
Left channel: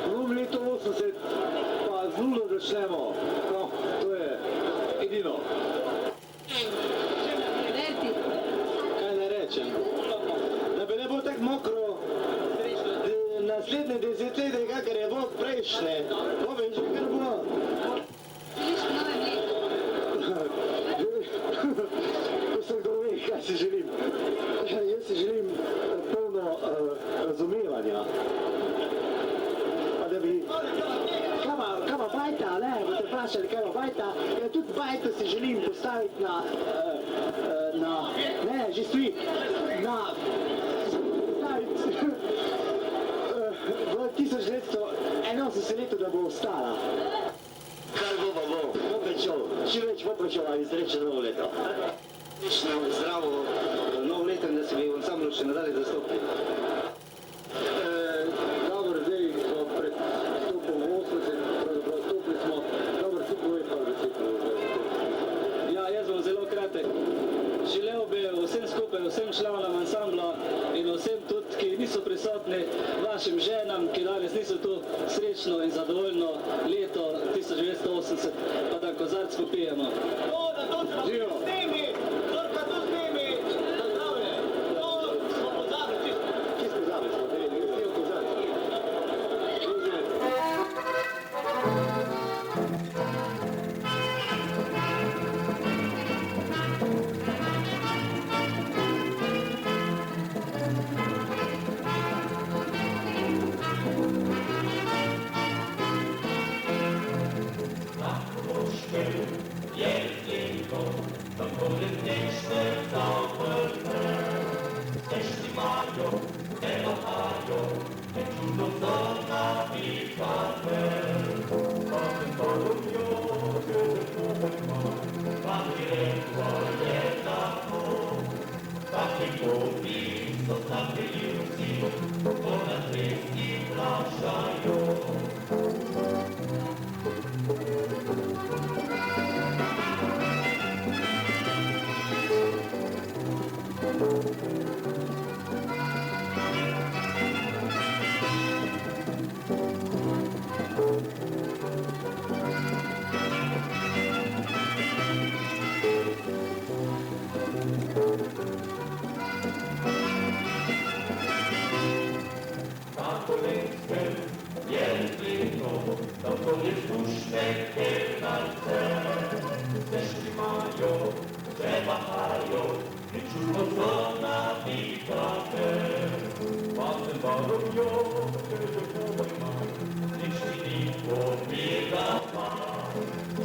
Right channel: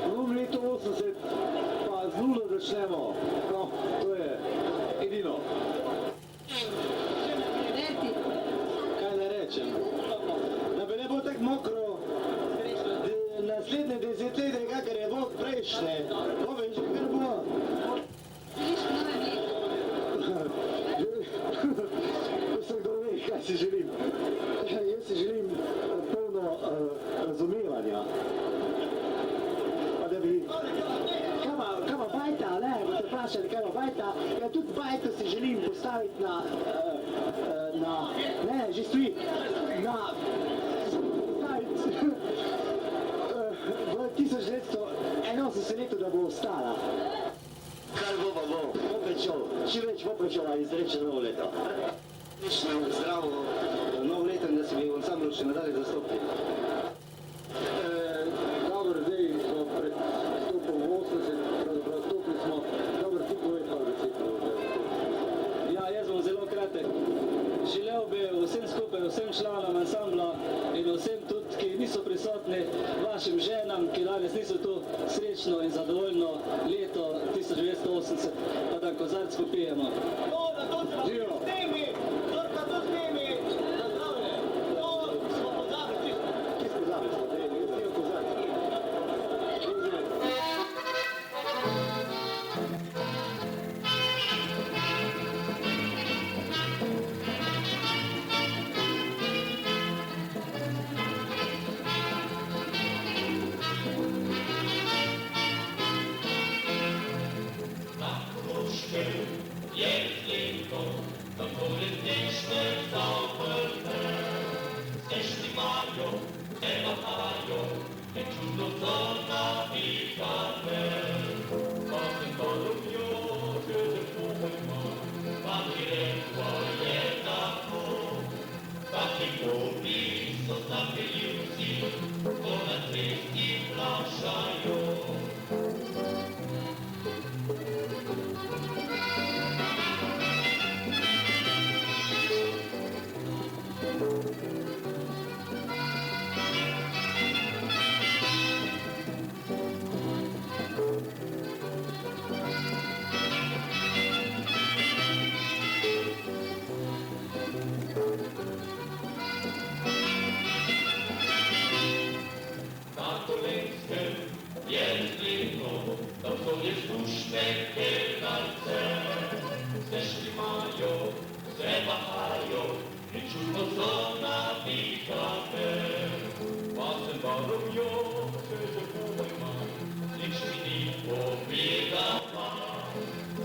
v novem letu 80 pa z nulo začnemo, no, to je edino. Verti. Kaj ne rečem? Da bi ne bo tako mokro, naslednje desetletje, kakor je bo prejšnje, bo veš, kar bo. Želiš v novem letu? To se kdo ve, kaj si želim. Jaz si želim polno razumevanja. Pa da bi... Kaj pa bajta, ne? Boste vprašali, kaj pa bajta? Ja, tudi bajta si želim postaviti na... Ne, že stoji. V 1981 letu, da bo ostala. Kar bo pa bo, čim več bo pričal, ali izreče novo leto. Zdravo novo leto in da se bi v ansamblu še nadalje zastopili. Dobro, zdaj smo pred stopom 80, pravzaprav stopili smo, dobro, ti povej pa recimo. Ja, jaz bom zelo kratek. Želel bi vsem skupaj, vsem članom ansambla in vsem tudi, ki niso prisotni, vašim ženam, ki danes niso tu, srečno in zadovoljno leto 1980, pa da kozarc popijemo. Živo!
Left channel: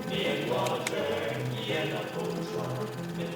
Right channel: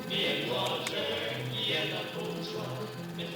Niech wasze, jedna poczła, niech